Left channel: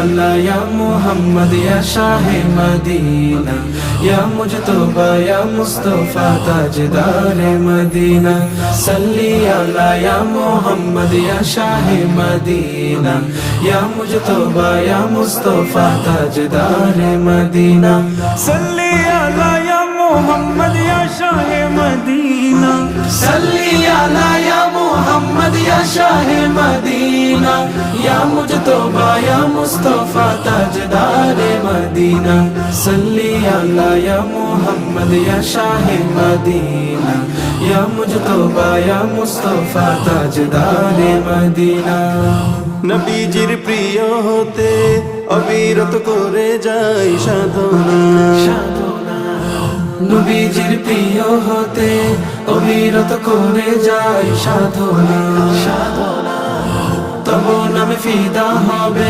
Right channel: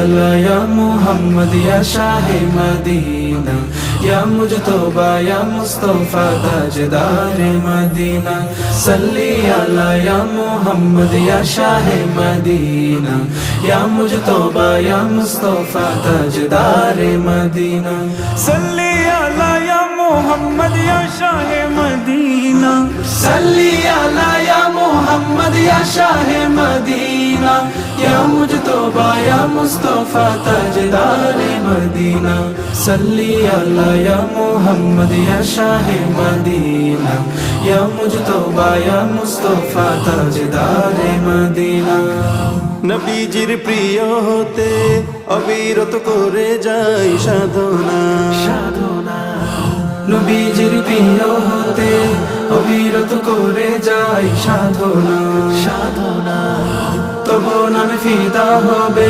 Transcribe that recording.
আলা ইয়া মুহাম্মদ ইয়া শাহে মদিনা ইয়া মুজতবা ইয়া মুস্তাফা তাজদারে মদিনা সাল্লি আলা ইয়া মুহাম্মদ ইয়া শাহে মদিনা ইয়া মুজতবা ইয়া মুস্তাফা তাজদারে মদিনা সাল্লি আলা ইয়া মুহাম্মদ ইয়া শাহে মদিনা সাল্লি আলা ইয়া মুহাম্মদ ইয়া শাহে মদিনা ইয়া মুজতবা ইয়া মুস্তাফা তাজদারে মদিনা সাল্লি আলা ইয়া মুহাম্মদ ইয়া শাহে মদিনা ইয়া মুজতবা ইয়া মুস্তাফা তাজদারে মদিনা নবীজির প্রিয় হতে অবিরত করে যাই সাধনা নবীজির প্রিয় হতে অবিরত করে যাই সাধনা তব নামে ফিদা হবে